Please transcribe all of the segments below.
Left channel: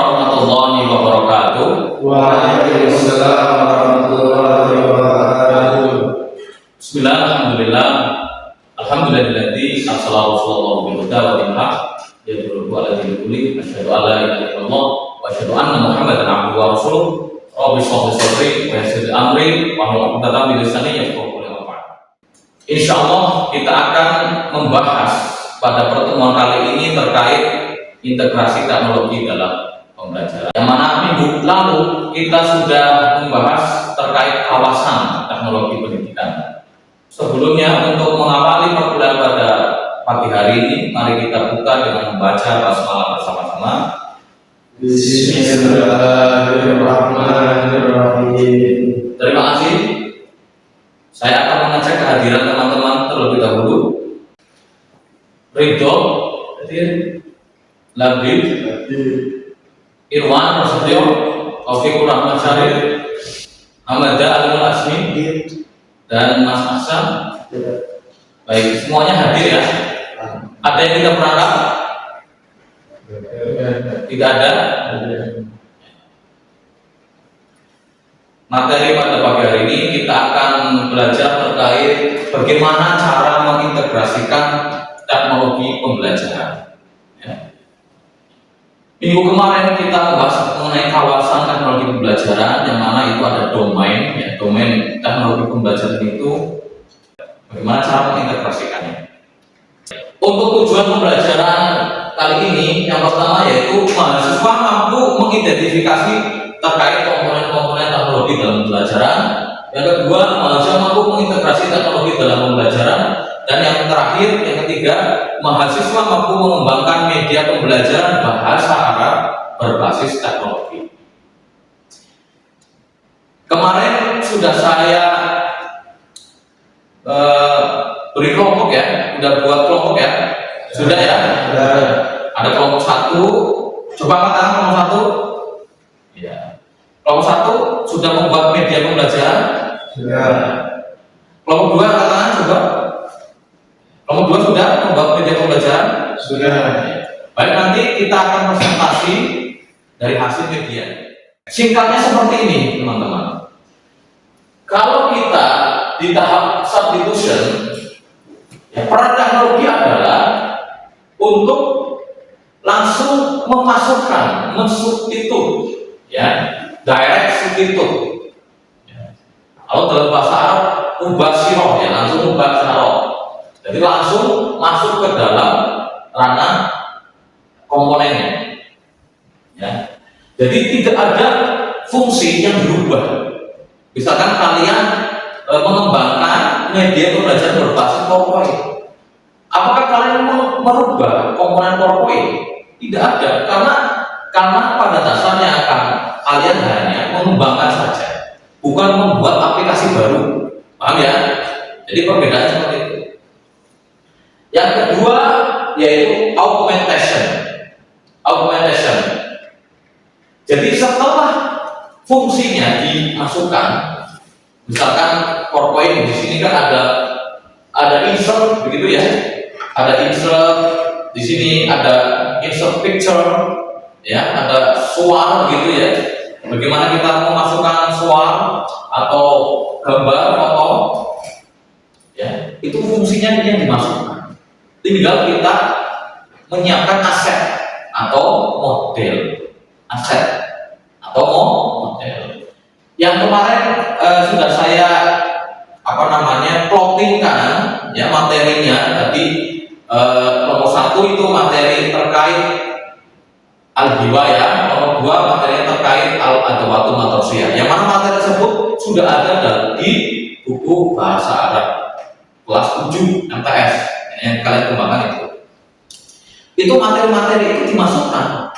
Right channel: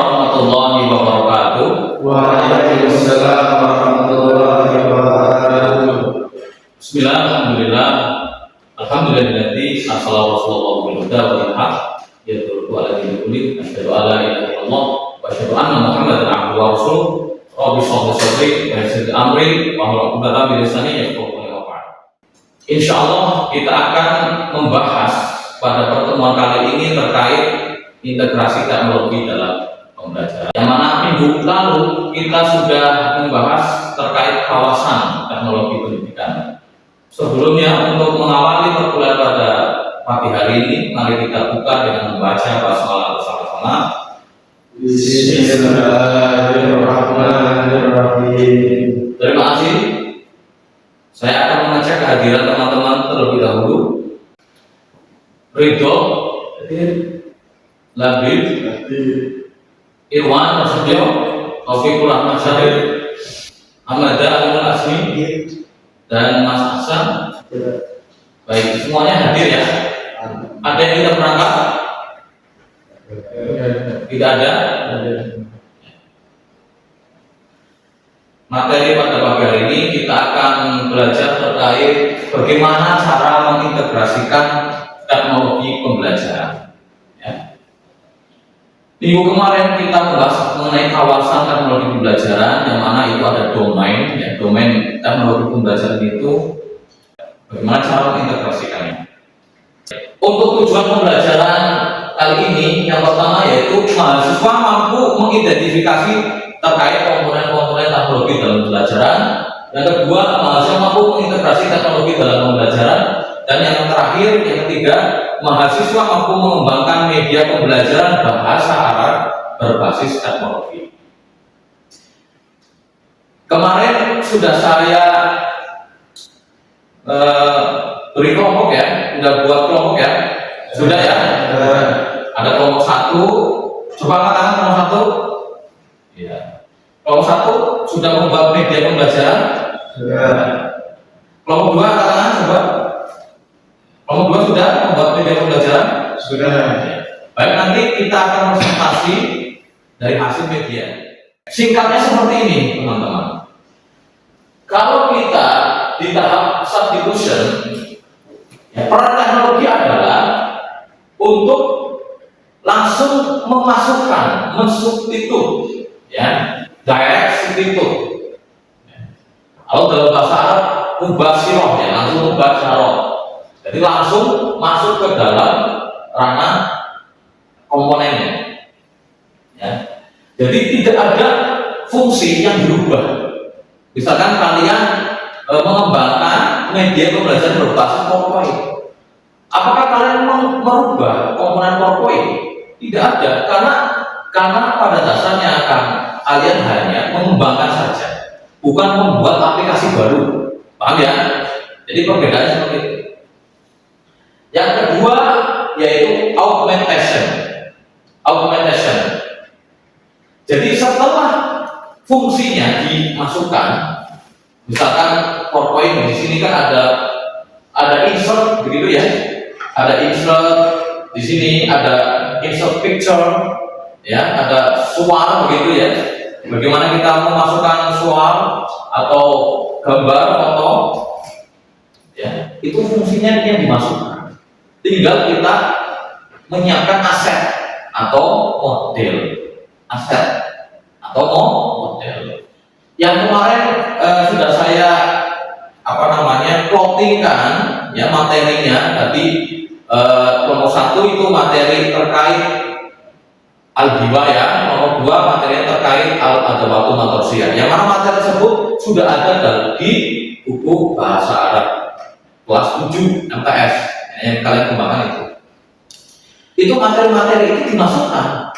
warahmatullahi wabarakatuh. Waalaikumsalam warahmatullahi wabarakatuh. Bismillah, alhamdulillah. Alhamdulillahilladzi arsala rasulahu bil huda wa dinil haq yadullu ala dinil kulli asyhadu an la ilaha illallah wa asyhadu anna muhammadan abduhu wa rasuluh. Rabbi shrah li sadri wa yassir li amri wahlul 'uqdatam min lisani yafqahu qawli. Insyaallah kita akan membahas pada pertemuan kali ini terkait integrasi teknologi dalam pembelajaran. Yang mana minggu lalu kita sudah membahas terkait kawasan teknologi pendidikan. Sebelumnya, untuk mengawali perkuliahan pada pagi hari ini, mari kita buka dengan membaca basmalah bersama-sama. Bismillahirrahmanirrahim. Terima kasih. Saya akan mengecek kehadiran teman-teman terlebih dahulu. Ridho, Labib, Irwan Prasetyo, Taufikur Rahman Syarif, Hamada Alul Asmi, dan Mas Ahsan. Baik, semuanya hadir ya. Ada yang tidak berangkat? Tidak ada. Materi pada pagi hari ini kita akan belajar terkait bagaimana cara mengintegrasikan teknologi pembelajaran. Minggu kemarin kita membahas mengenai kawasan teknologi pembelajaran, yang mana itu ada domain, domain teknologi pembelajaran itu bagaimana cara mengintegrasikannya. Untuk tujuan pembelajaran kali ini, yang pertama yaitu mahasiswa mampu mengidentifikasi terkait komponen-komponen teknologi dalam pembelajaran. Yang kedua, mahasiswa mampu mengintegrasi teknologi dalam pembelajaran. Dan yang terakhir, yang ketiga, mahasiswa mampu mengembangkan media pembelajaran bahasa Arab berbasis teknologi. Kemarin sudah saya beri kelompok ya, sudah buat kelompok ya, sudah ya. Ada kelompok 1, coba angkat tangan kelompok 1. Ya. Kelompok 1 sudah membuat media pembelajaran. Sudah. Kelompok 2 angkat tangan coba. Kelompok 2 sudah membuat media pembelajaran? Sudah. Baik, nanti kita akan presentasi dari hasil media. Singkatnya seperti ini, teman-teman. Kalau kita di tahap substitution, peran teknologi adalah untuk langsung memasukkan, mensubstitut, direct substitut. Kalau dalam bahasa Arab, mubasyiroh, langsung mubasyiroh. Jadi langsung masuk ke dalam ranah komponennya. Jadi tidak ada fungsi yang berubah. Misalkan kalian mengembangkan media pembelajaran berbasis PowerPoint, apakah kalian merubah komponen PowerPoint? Tidak ada, karena pada dasarnya kalian hanya mengembangkan saja, bukan membuat aplikasi baru. Paham ya? Jadi perbedaannya seperti itu. Yang kedua yaitu augmentation. Jadi setelah fungsinya dimasukkan, misalkan PowerPoint di sini kan ada insert begitu ya, ada insert di sini, ada insert picture, ada suara gitu ya. Bagaimana kita memasukkan suara atau gambar foto, itu fungsinya yang dimasukkan. Tinggal kita menyiapkan aset atau model. Yang kemarin sudah saya plottingkan materinya. Tadi kelompok 1 itu materi terkait al-hiwa, kelompok 2 materinya terkait al-adawatul matrosiyah. Yang mana materi tersebut sudah ada di buku bahasa Arab kelas 7 MTS yang kalian kembangkan itu. Itu materi-materi itu dimasukkan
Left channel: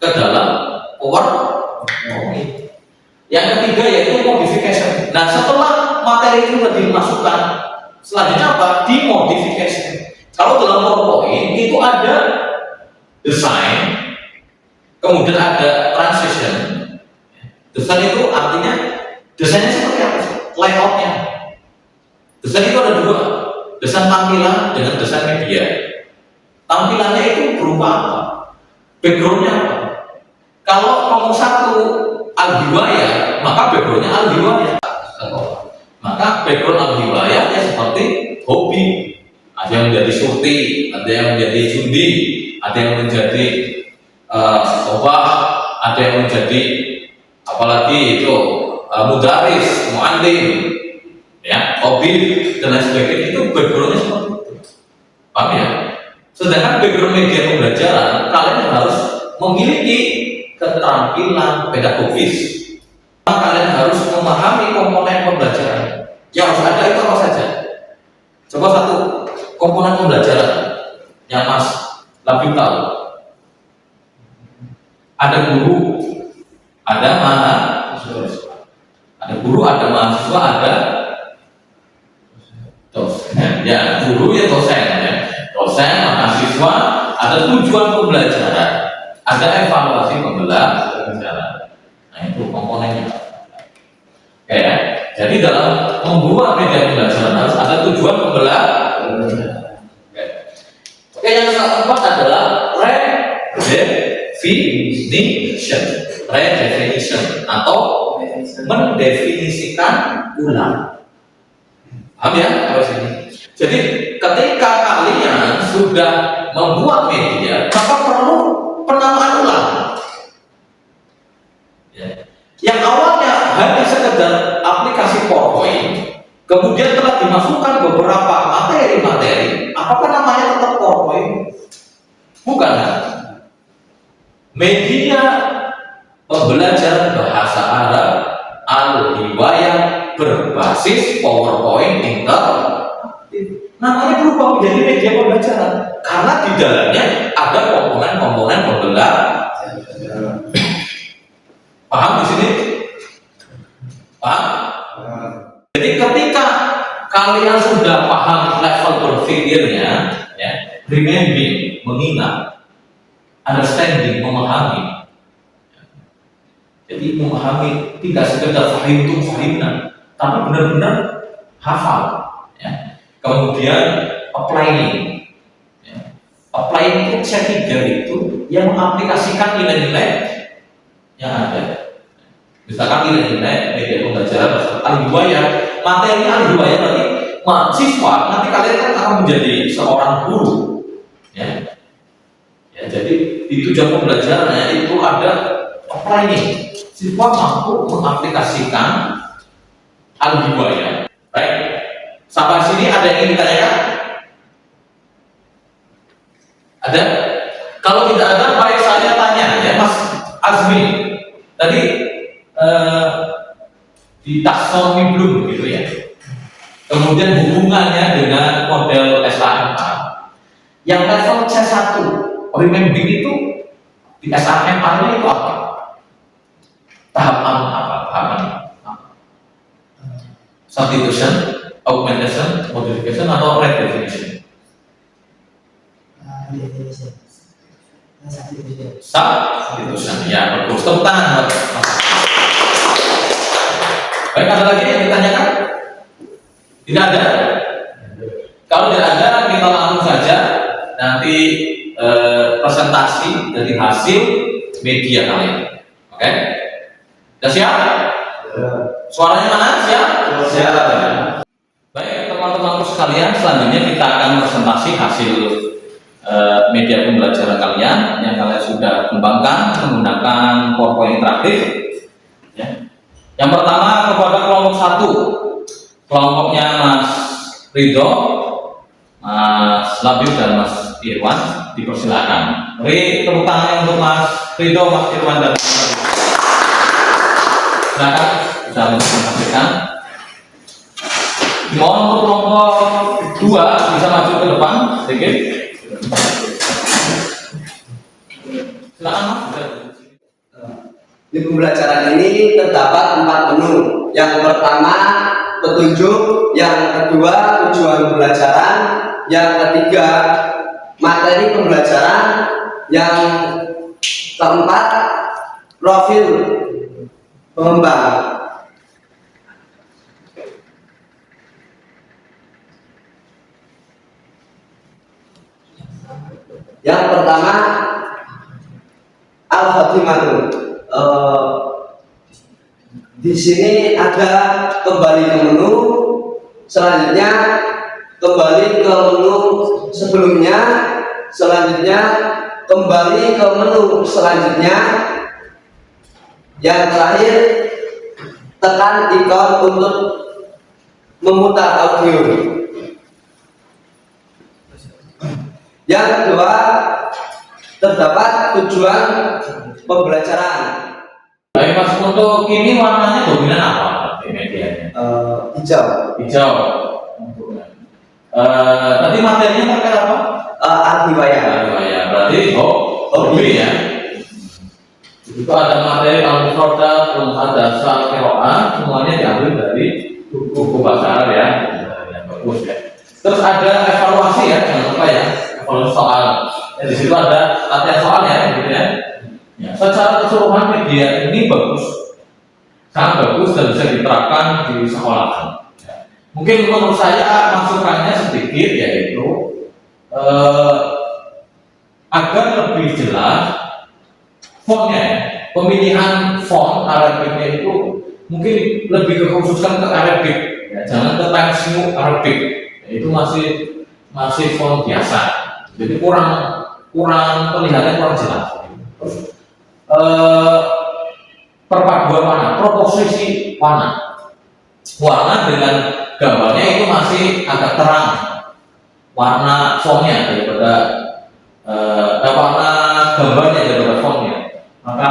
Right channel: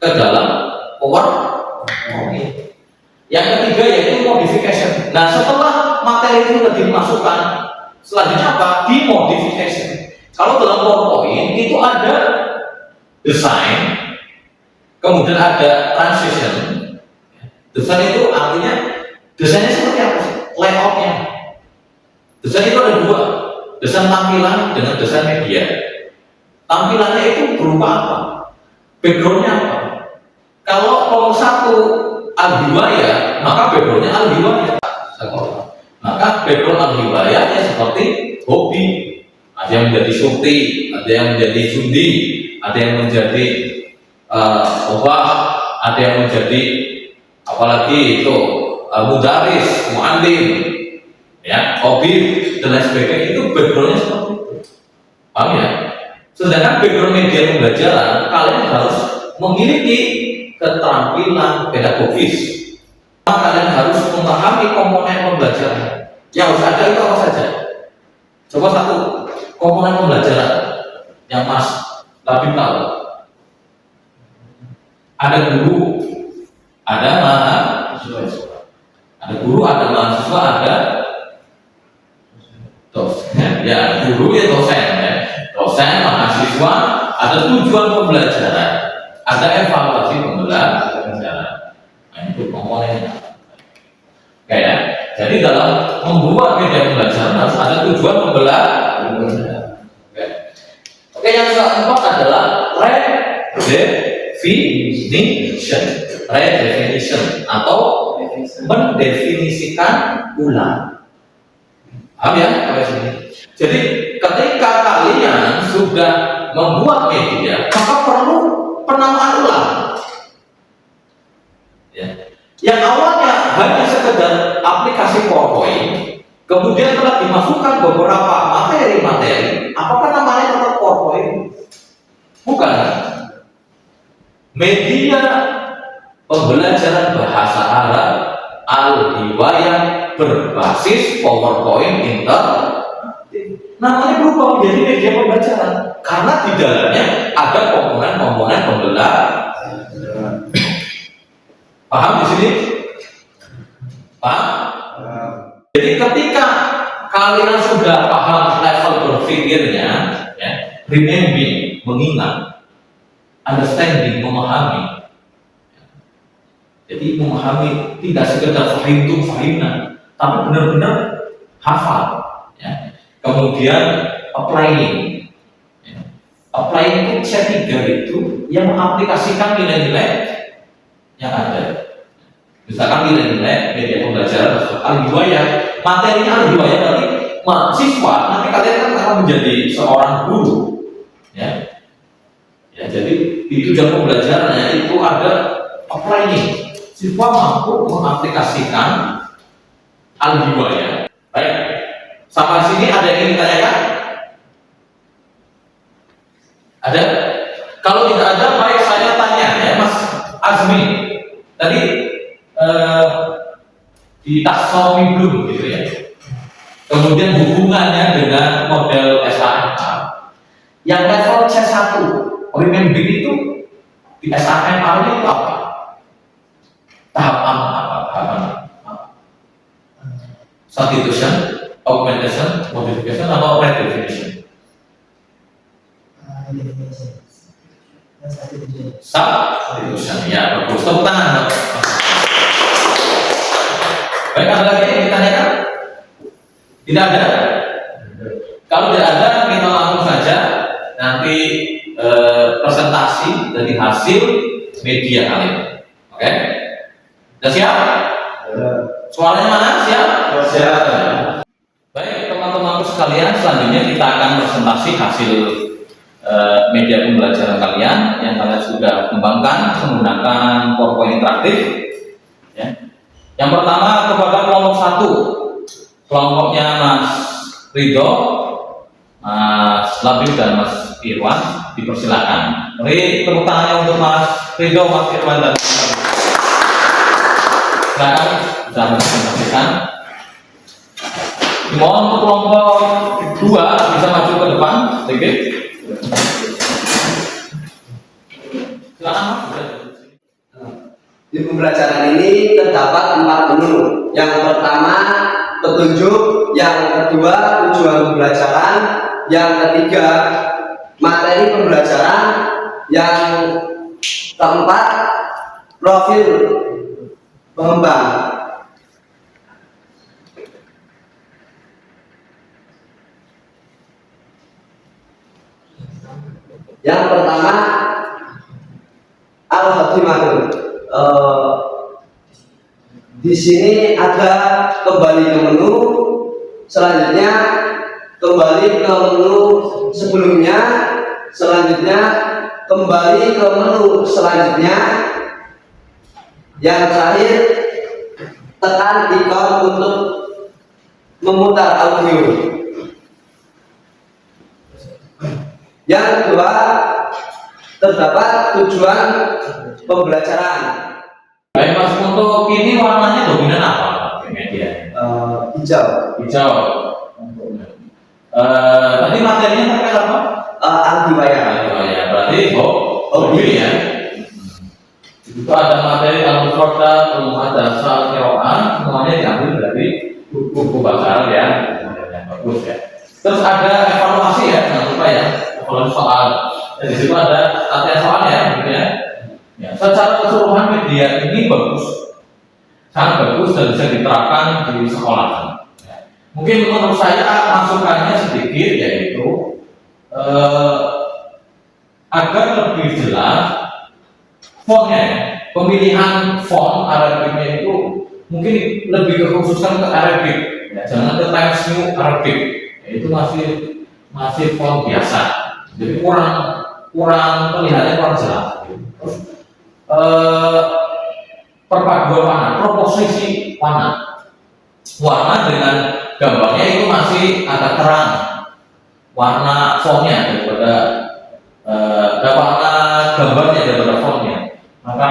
ke dalam PowerPoint. Yang ketiga yaitu modification. Nah, setelah materi itu sudah dimasukkan, selanjutnya apa? Dimodification. Kalau dalam PowerPoint itu ada desain, kemudian ada transition. Desain itu artinya desainnya seperti apa? Layoutnya. Desain itu ada 2, desain tampilan dengan desain media. Tampilannya itu berupa apa? Backgroundnya apa? kelompok satu al-hiwayah, maka backgroundnya al-hiwayah. Maka background al-hiwayah ya seperti hobi. Ada yang menjadi surti, ada yang menjadi jundi, ada yang menjadi obah, ada yang menjadi apalagi itu mudaris, mu'allim, ya, hobi dan lain sebagainya. Itu backgroundnya seperti itu. Paham ya? Sedangkan background media pembelajaran, kalian harus memiliki keterampilan pedagogis. Kalian harus memahami komponen pembelajaran. Yang harus ada itu apa saja? Coba satu, komponen pembelajaran yang Mas lebih tahu. Ada guru, ada mahasiswa. Ada guru, ada mahasiswa, ada dosen. Ya, guru ya dosen ya. Dosen, mahasiswa, ada tujuan pembelajaran, ada evaluasi pembelajaran. Nah itu komponennya. Oke ya. Jadi dalam membuat media pembelajaran harus ada tujuan pembelajaran. Oke, yang keempat adalah redefinition. Redefinition atau mendefinisikan ulang. Paham ya? Apa sini? Jadi ketika kalian sudah membuat media, maka perlu penamaan ulang. Ya. Yang awalnya hanya sekedar aplikasi PowerPoint, kemudian telah dimasukkan beberapa materi-materi, apakah namanya tetap PowerPoint? Bukan. Media pembelajaran bahasa Arab al-hiwayah berbasis PowerPoint interaktif. Namanya berubah menjadi media pembelajaran karena di dalamnya ada komponen-komponen pembelajaran. Paham di sini? Paham? Jadi ketika kalian sudah paham level berpikirnya, ya, remembering, mengingat, understanding, memahami. Jadi memahami tidak sekedar fahimna, tapi benar-benar hafal. Ya. Kemudian applying. Ya. Applying itu C3 itu yang mengaplikasikan nilai-nilai yang ada. Misalkan nilai-nilai media pembelajaran al-hiwayah, materi al-hiwayah berarti mahasiswa nanti kalian kan akan menjadi seorang guru, ya. Ya, jadi di tujuan pembelajarannya itu ada applying. Siswa mampu mengaplikasikan al-hiwayah. Baik, sampai sini ada yang ingin ditanyakan? Ada? Kalau tidak ada, baik saya tanya ya Mas Azmi. Tadi di taksonomi belum gitu ya. Kemudian hubungannya dengan model SAMA. Yang level C1, remembering itu di SAMA itu apa? Tahapan apa? Tahapan apa? Substitution, augmentation, modification, atau redefinition? Substitution. Ya, bagus. Tepuk tangan. Baik, ada lagi yang ditanyakan? Tidak ada? Kalau tidak ada, kita langsung saja nanti presentasi dari hasil media kalian. Oke? Sudah siap? Suaranya mana? Siap? Siap. Baik, teman-temanku sekalian, selanjutnya kita akan presentasi hasil media pembelajaran kalian yang kalian sudah kembangkan menggunakan PowerPoint interaktif. Ya. Yang pertama kepada kelompok 1, kelompoknya Mas Ridho, Mas Labib dan Mas Irwan, dipersilakan. Beri tepuk tangannya untuk Mas Ridho, Mas Irwan dan Mas Labib. Silakan bisa mempresentasikan. Mohon untuk kelompok 2 bisa maju ke depan sedikit. Silakan Mas. Di pembelajaran ini terdapat 4 menu. Yang pertama petunjuk, yang kedua tujuan pembelajaran, yang ketiga materi pembelajaran, yang keempat profil pengembang. Yang pertama al-khotimah. eh, di sini ada kembali ke menu, selanjutnya kembali ke menu sebelumnya, selanjutnya kembali ke menu selanjutnya, yang terakhir tekan ikon untuk memutar audio. Yang kedua, terdapat tujuan pembelajaran. Baik Mas, untuk ini warnanya dominan apa di media? Hijau. Hijau. Tadi materinya terkait apa? Artiwaya. Ya, berarti hobi ya. Itu ada materi al-mufradat, al-muhaddatsa, al-qiraah, semuanya diambil dari buku bahasa Arab ya. Yang bagus ya. Terus ada evaluasi ya, jangan lupa ya, evaluasi soal. Di situ ada latihan soal ya, gitu ya. Ya, secara keseluruhan media ini bagus, sangat bagus dan bisa diterapkan di sekolah. Ya. Mungkin menurut saya masukannya sedikit, yaitu agar lebih jelas fontnya ya. Pemilihan font Arabiknya itu mungkin lebih dikhususkan ke Arabik, ya, jangan ke Times New Arabic. Ya, itu masih font biasa, jadi kurang terlihatnya kurang jelas. Terus perpaduan warna, proposisi warna dengan gambarnya itu masih agak terang warna fontnya daripada warna gambarnya daripada fontnya, maka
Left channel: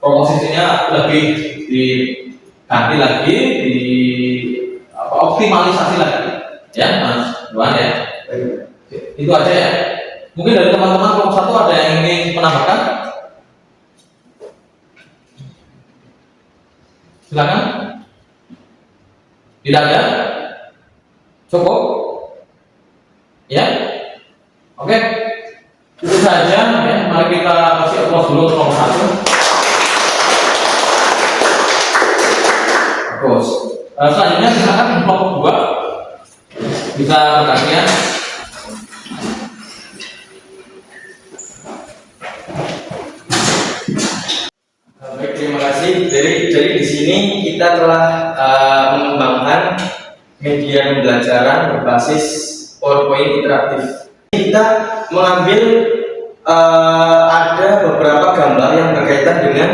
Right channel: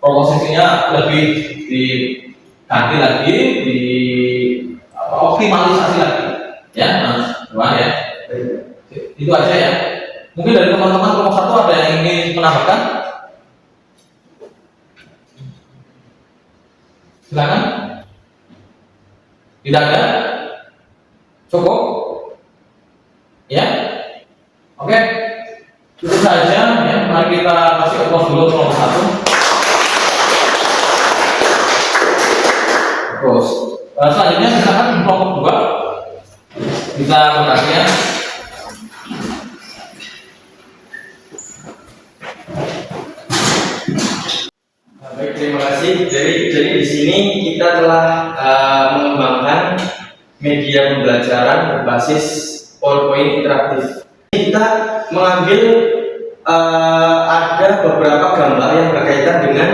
proposisinya lebih diganti lagi, optimalisasi lagi ya Mas Luan ya. Itu aja ya. Mungkin dari teman-teman kelompok 1 ada yang ingin menambahkan? Silakan. Tidak ada? Cukup? Ya? Oke. Itu saja ya. Mari kita kasih aplaus dulu kelompok 1. Terus selanjutnya silakan kelompok 2 bisa bertanya. Baik, terima kasih. Jadi di sini kita telah mengembangkan media pembelajaran berbasis PowerPoint interaktif. Kita mengambil ada beberapa gambar yang berkaitan dengan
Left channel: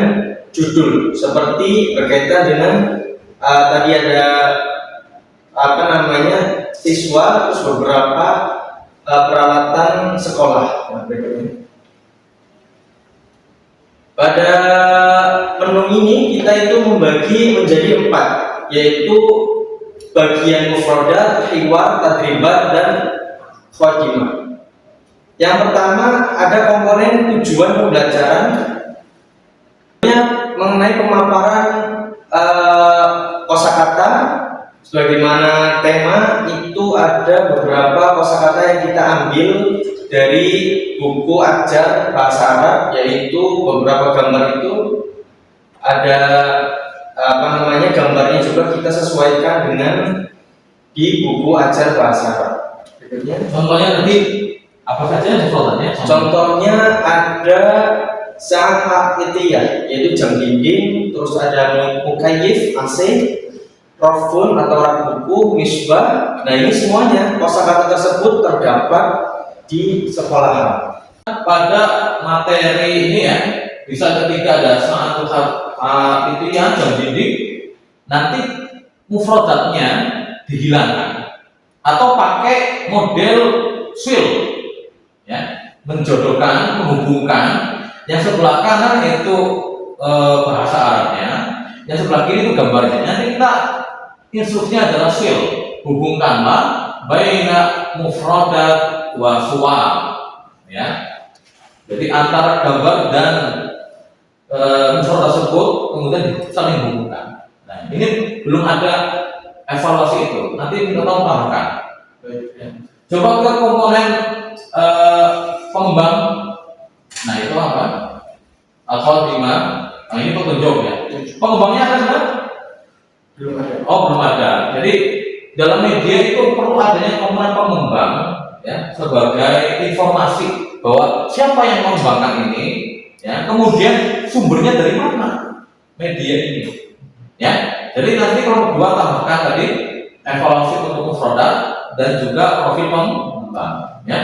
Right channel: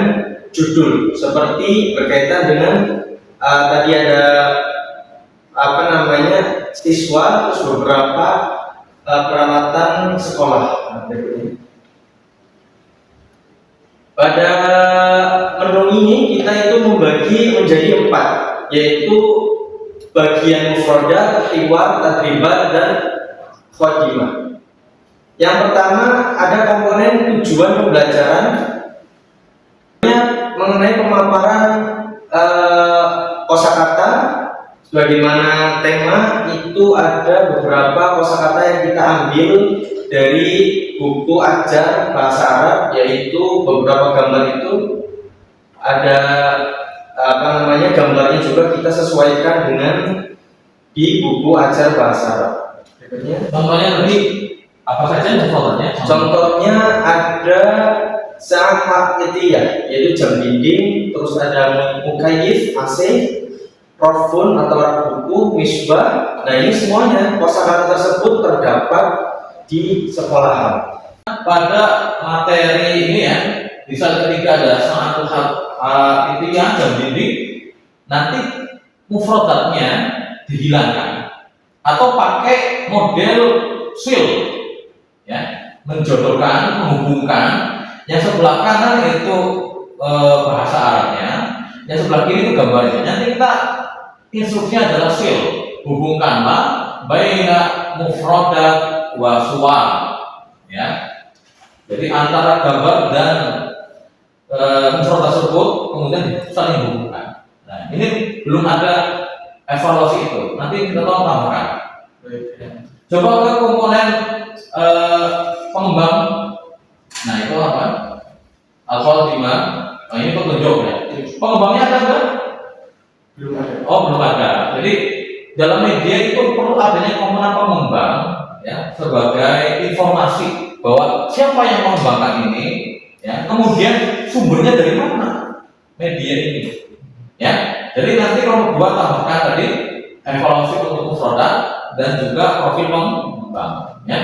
judul, seperti berkaitan dengan tadi ada siswa, terus beberapa peralatan sekolah. Nah, berikut ini. Pada menu ini kita itu membagi menjadi 4, yaitu bagian mufradat, hiwar, tadribat, dan khodimah. Yang pertama ada komponen tujuan pembelajaran mengenai pemaparan kosakata. Sebagaimana tema itu ada beberapa kosakata yang kita ambil dari buku ajar bahasa Arab, yaitu beberapa gambar itu ada gambarnya juga kita sesuaikan dengan di buku ajar bahasa Arab. Berikutnya, Contohnya lebih apa saja contohnya? Contohnya ada saat itiyah, yaitu jam dinding, terus ada mukayif AC, rofun atau rak buku, misbah. Nah, ini semuanya kosakata tersebut terdapat di sekolahan. Pada materi ini ya, bisa ketika ada saat itiyah jam dinding, nanti mufradatnya dihilangkan atau pakai model swill ya, menjodohkan, menghubungkan. Yang sebelah kanan itu bahasa Arabnya, yang sebelah kiri itu gambarnya. Nanti kita instruksinya adalah swill, hubungkanlah baina mufradat wa suwar ya. Jadi antara gambar dan mufradat tersebut kemudian saling hubungkan. Nah, ini belum ada evaluasi itu. Nanti kita tahu tambahkan. Ya. Coba ke komponen pengembang. Nah, itu apa? Al-Khodimah. Nah, ini petunjuk ya. Pengembangnya ada enggak? Belum ada. Oh, belum ada. Jadi dalam media itu perlu adanya komponen pengembang ya, sebagai informasi bahwa siapa yang mengembangkan ini Ya, kemudian sumbernya dari mana? Media ini. Ya, jadi nanti kelompok 2 tambahkan tadi evaluasi untuk produk dan juga profil pengembang. Ya,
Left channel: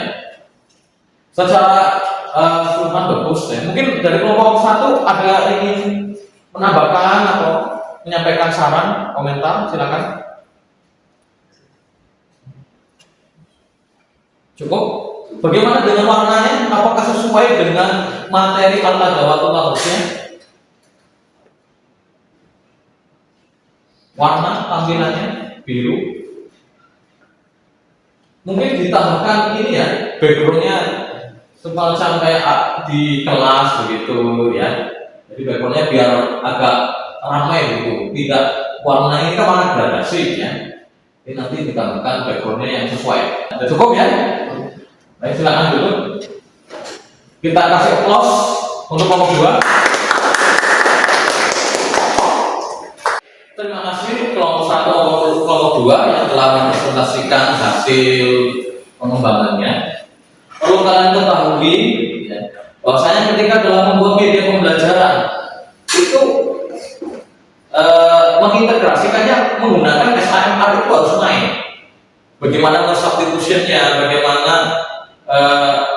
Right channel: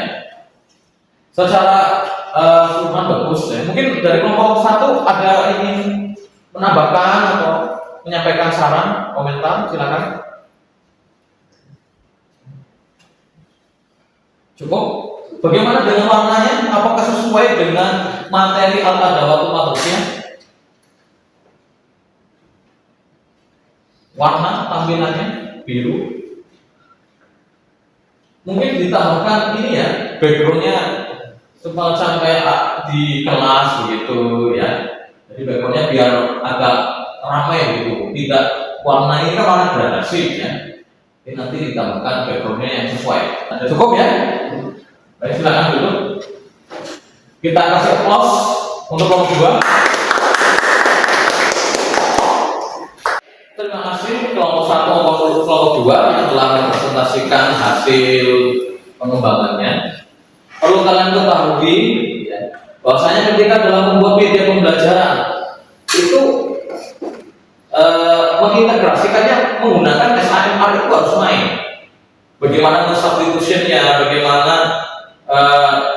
secara keseluruhan bagus. Ya. Mungkin dari kelompok 1 ada ingin menambahkan atau menyampaikan saran, komentar, silakan. Cukup. Bagaimana dengan warnanya? Apakah sesuai dengan materi al-adawatu matrusnya? Warna tampilannya biru. Mungkin ditambahkan ini ya, backgroundnya semacam kayak di kelas begitu ya. Jadi backgroundnya biar agak ramai gitu. Tidak, warna ini kan warna gradasi ya. Ini nanti ditambahkan backgroundnya yang sesuai. Cukup ya? Baik, silakan dulu. Kita kasih applause untuk kelompok 2. Terima kasih kelompok 1 maupun kelompok 2 yang telah mempresentasikan hasil pengembangannya. Perlu kalian ketahui ya, bahwasanya ketika dalam membuat media pembelajaran itu mengintegrasikannya menggunakan SHMR itu harus main. Bagaimana substitutionnya, bagaimana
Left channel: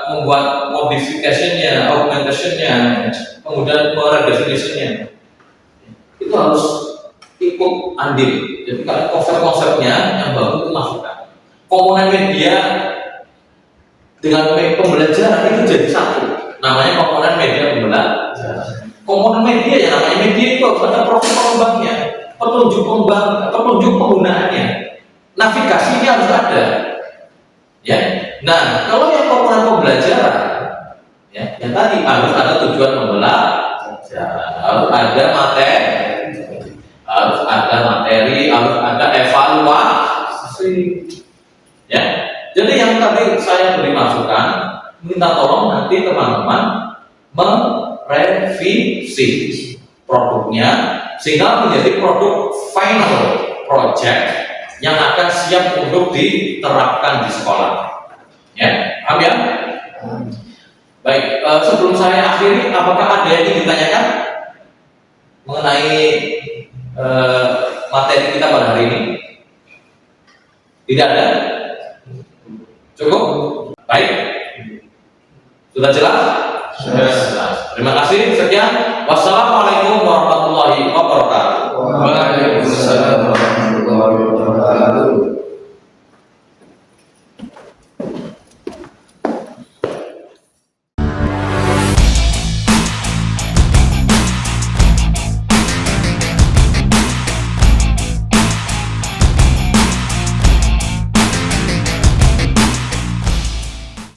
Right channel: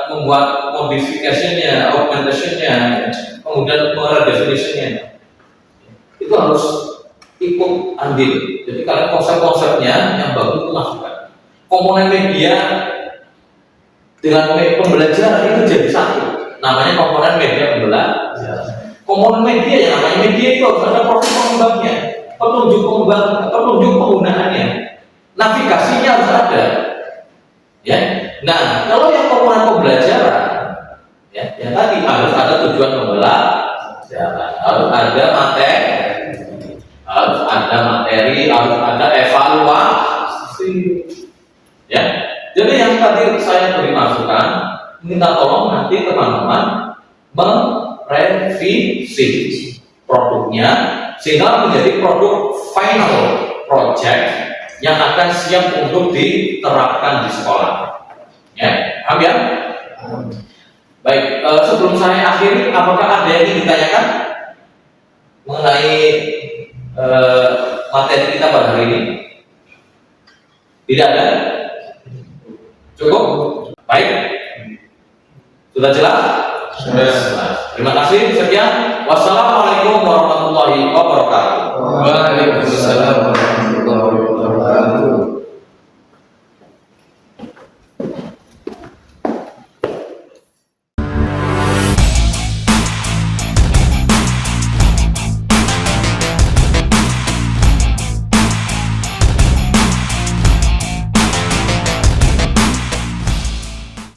membuat modifikasinya, augmentationnya, kemudian meredefinisinya, itu harus ikut andil. Jadi kalian konsep-konsepnya yang baru itu masukkan. Komponen media dengan pembelajaran itu jadi satu. Namanya komponen media pembelajaran. Komponen media yang namanya media itu harus ada profil pengembangnya, petunjuk pengembang, petunjuk penggunaannya, navigasinya harus ada. Ya. Nah, kalau yang komponen pembelajaran, ya, yang tadi harus ada tujuan pembelajaran, harus ada materi, harus ada evaluasi. Ya. Jadi yang tadi saya beri masukan, minta tolong nanti teman-teman merevisi produknya sehingga menjadi produk final project yang akan siap untuk diterapkan di sekolah. Ya, paham ya? Baik, sebelum saya akhiri, apakah ada yang ingin ditanyakan mengenai materi kita pada hari ini? Tidak ada? Cukup? Baik. Sudah jelas? Sudah jelas. Terima kasih. Sekian. Wassalamualaikum warahmatullahi wabarakatuh. Waalaikumsalam.